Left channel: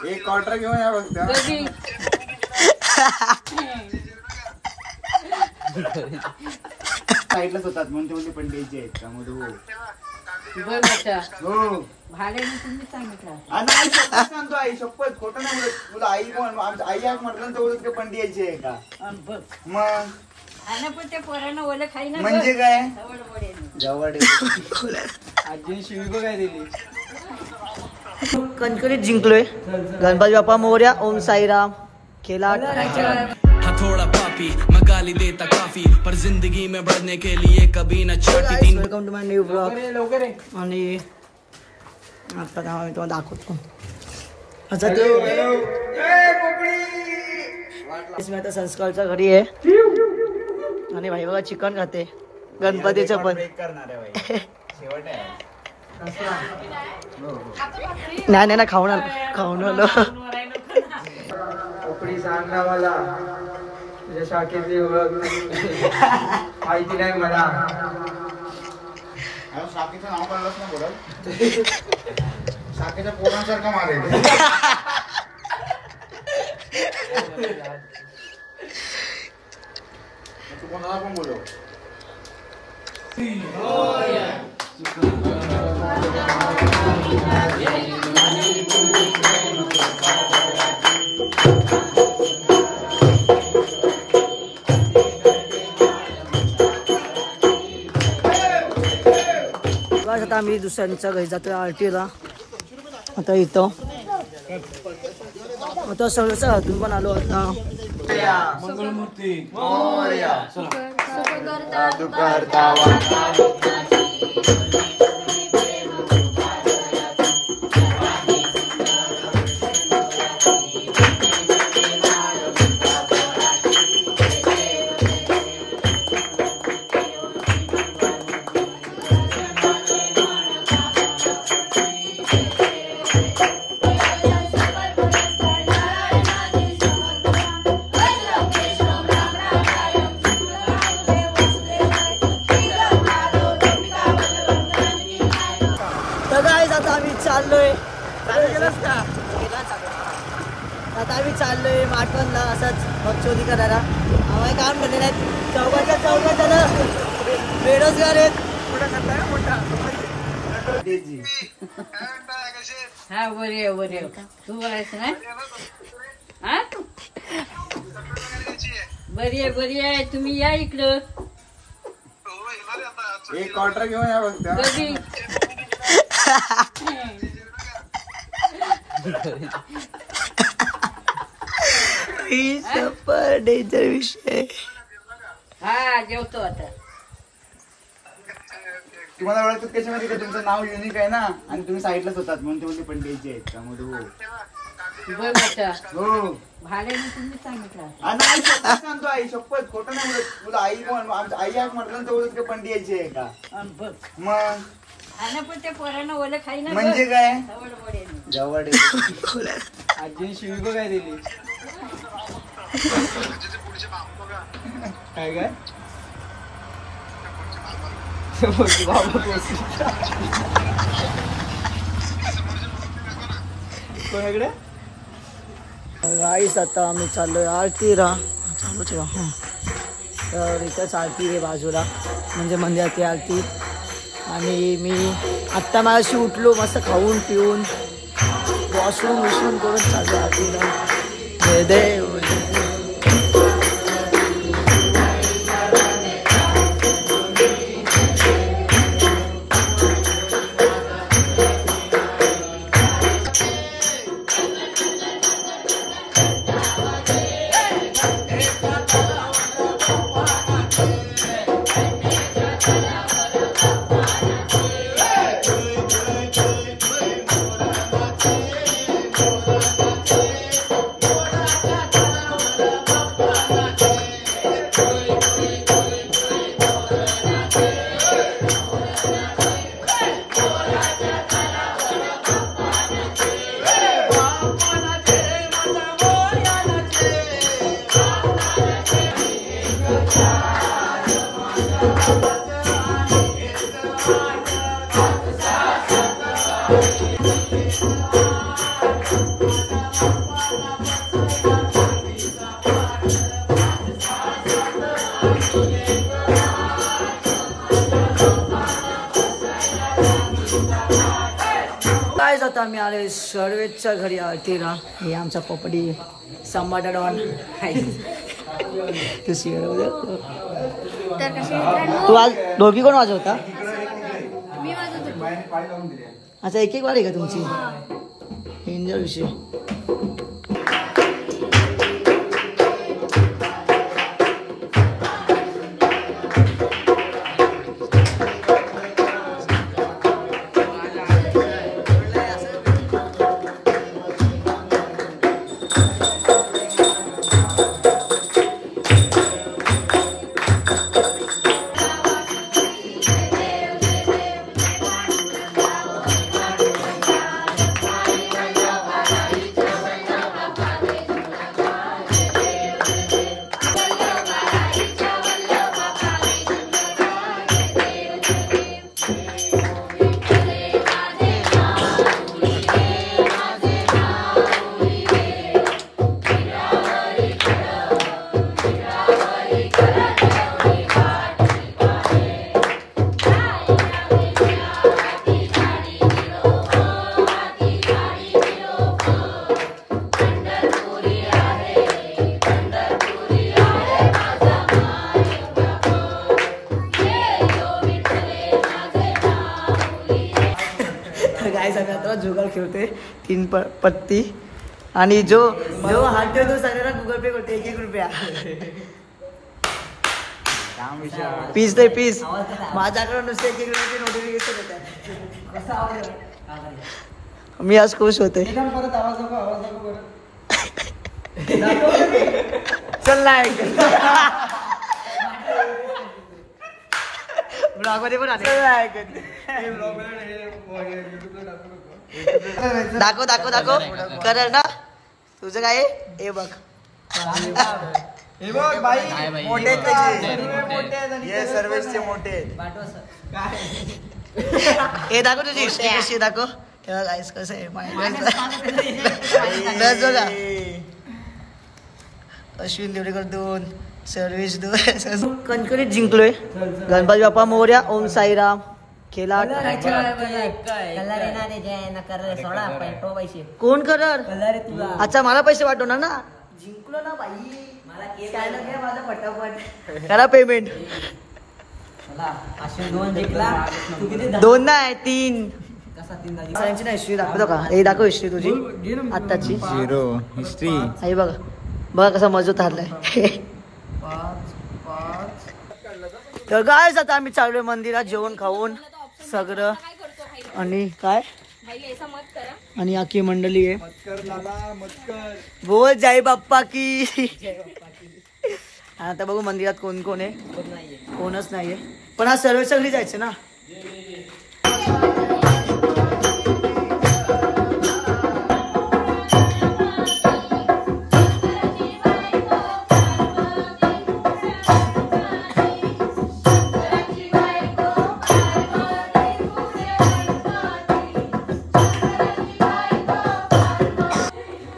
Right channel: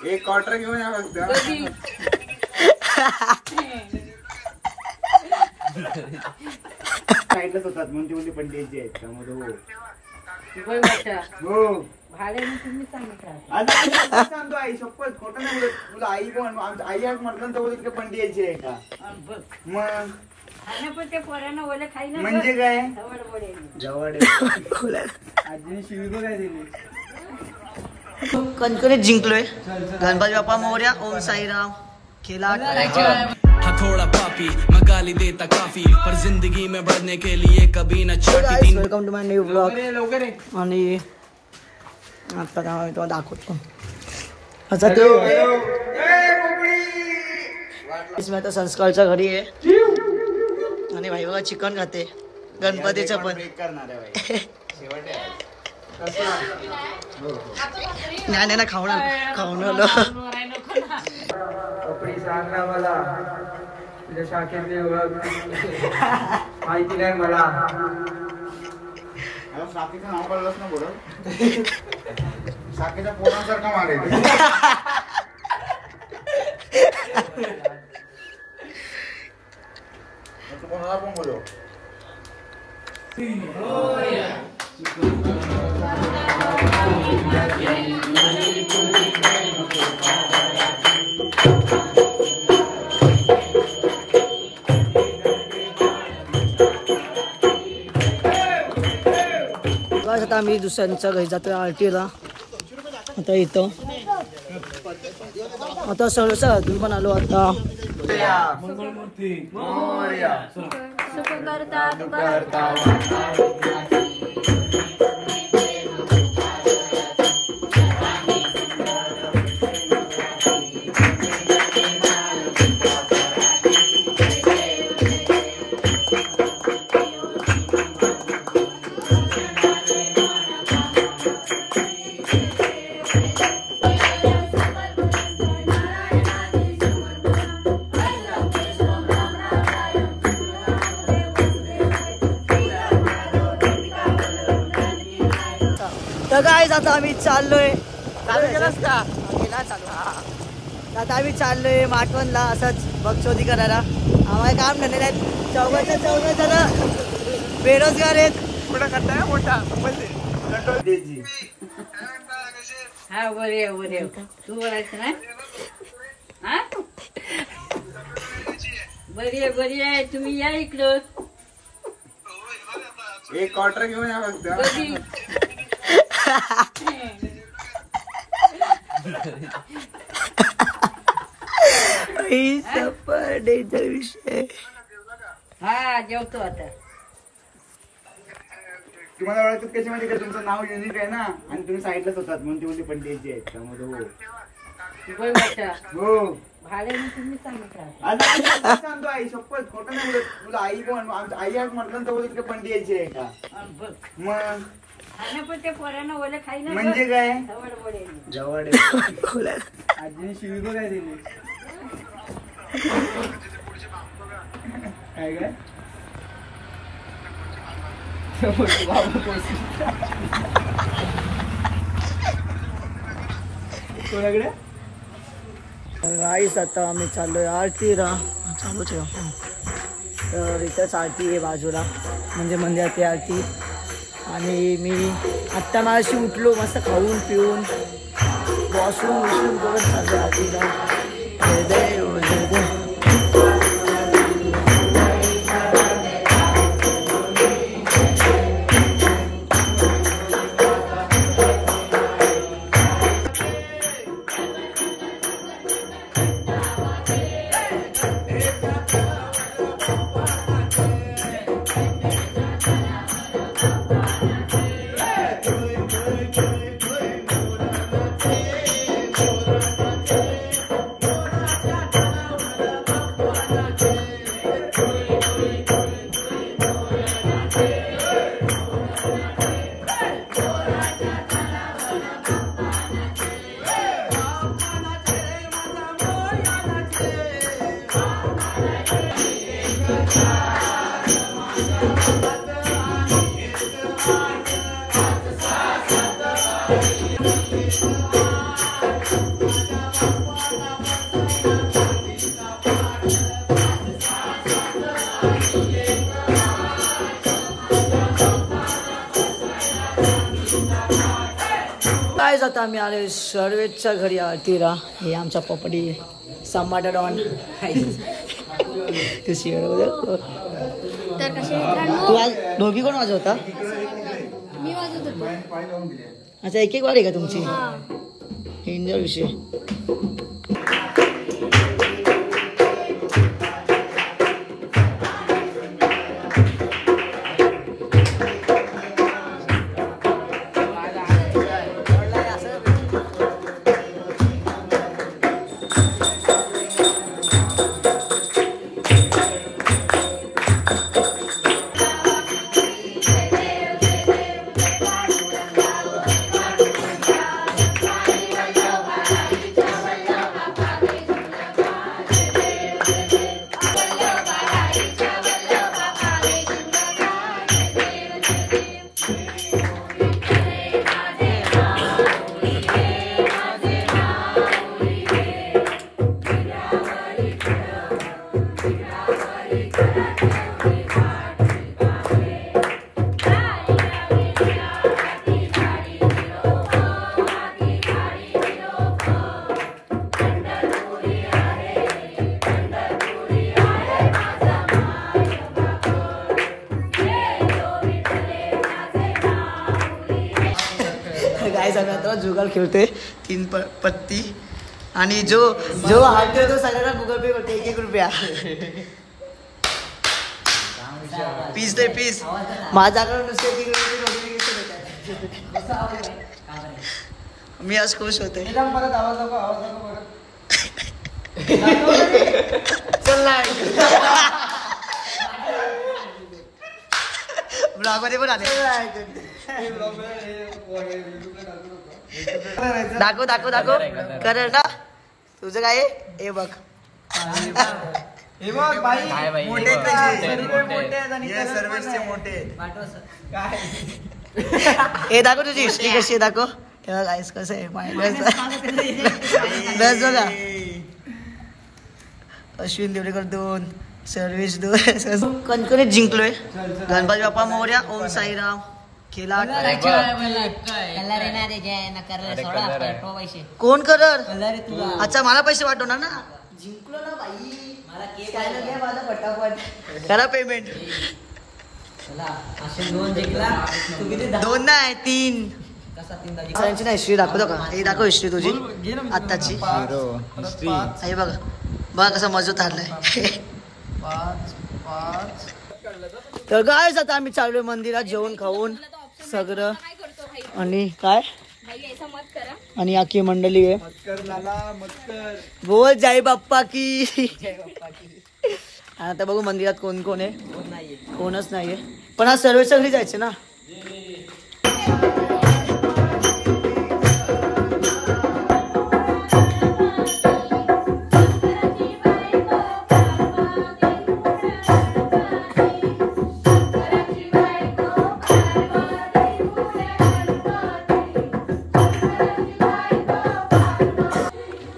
एक क्वार्टर घेऊन या फक्त. साईडलाच होतात म्हणून तेवढी पण द्यायची आहेत का मध्ये. हो सांगतो आई शपथ खोटं नाही बोलत तुला. आई कोण आई आज म्हटलं तेवढं पण द्यायची आहे का मग. म्हणजे काय जवळ आजीने शिवी काय दिली. कणकणीत जिंकलोय. गणपती बाप्पा मोरया. ओम साईराम. खेला थोड़ा पापी मैं गाली देता काफी पर जिंदगी में बढ़ने के लिए कभी न चाहती. Welcome to my new blog. आणि आता काय तुम्हाला दाखवतो. अच्छा ते आता संस्कारच्या घरी आहे आणि भाई बघा चिकन खाते गणपतीचं पण. नाही ना खाऊन आलो. कपडी सांगा मला तुझ्या शाखेतली ओळख माहिती नाही मला. शाखेचं नाव कळलंच ना बोल. शाखेच्या पोरांसारखं मारेल. तू कोणाला पण बोलव. आता आम्ही दुसऱ्यांच्या घरी जातोय आरटीला. आता इथं आता सगळं तुम्ही पण आलो आता. तर काय आता आम्ही चाललोय. आता आम्ही चाललोय माटवणला असंच भगचोदी करायला. आम्हाला काम धंदे नाहीत. चौघा जण बेरोजगार आहेत. कुठं करताय मोठा म्हणजे हा बरे तू बोलायचं ना. बरी आहे तुम्ही या इकडं. एक क्वार्टर घेऊन या फक्त. डेंजर विषय. हा जेवतो आता. तुम्हाला ओळखतात कशामध्ये का तुमचं नाव युनिक आहे ना आणि तुम्ही साईडलाच होतात म्हणून तेवढी पण द्यायची आहेत त्यामध्ये. हो भाड्याने तुम्ही सांगितलं. सांगतो आई शपथ खोटं नाही बोलत तुला. आई कोण आई आज म्हटलं तेवढं पण द्यायची आहे का मग. म्हणजे काय जवळ आजीने शिवी काय दिली. काय काय कोणाकडे गाईस आता आम्ही चाललोय आरतीला. चालू ठेवा. तर इथंच आरती आहे बाजूला म्हणजे मंदिराची आरती. आणि मी आत्ता माझ्याशी उठलो मस्त खाऊन पिऊन वॉशरूम करून चाललो आरतीला. जय देव जय देव. गाईज आता आम्ही आले सर्वेच्या घरी आरतीला. हे आमचा पपडी संभाटा डॉन. तर कसे मित्रांनो, तू आज दोघी कोण वाजवता? मी वाजत होतो. अच्छा एक एक वार आहे का तुमची? एन्जॉय विषय. गाईज आम्ही आता जुगाल खेळतोय 3 पत्ती आणि जो हारतोय तो सगळ्यांना गुगल पे करते 1-1 रुपया. पीस ते पीस माझ्याकडे नुसते 1-1 रुपये नोटिफिकेशन येतात. मी आज खुश होते. ब्लॉगमध्ये पण आले. दाखव दाखव दाखव कर ना तुझं काय. हे बघ हे बघ बाई मोठे का सर्व मोठे आहेत आणि सर्वचे मोठे. हे दाखव तुझी हिस्ट्री कशी आहे दाखव. हे बघ गाईस कसं आहे बघा. अश्विन देवरेकर 2 सर्विस 2 कणकणीत जिंकलोय. गणपती बाप्पा मोरया. ओम साईराम. खेला कोण करर. अच्छा मला पैसे पाठवणार ना. जिंकलो ना बाई. स्कॅनर घ्या माझा फटाफट करा पेमेंट. 2 नाही 3. सगळ्यांची ना हिस्ट्री दाखवतो का. हे दाखव हिस्ट्री तुझी आत्ताची. हे बघा बघा कसा मजबूत हारलाय. तर गाईज आता आम्ही चाललोय मंदिरात जेवण खाऊन सगळं. आणि काय आणि आखी मंडळी आहे. बोल जय बाप्पा की. आता बघू मंदिरात कोण कोण आहे. कोणच नाहीये पण आज सर्वेच्या घरी जायचं ना.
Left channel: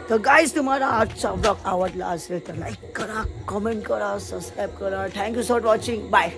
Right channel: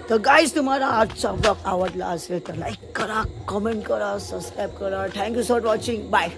तर गाईज तुम्हाला आजचा ब्लॉग आवडला असेल तर लाईक करा, कमेंट करा, सबस्क्राईब करा. Thank you for watching. बाय.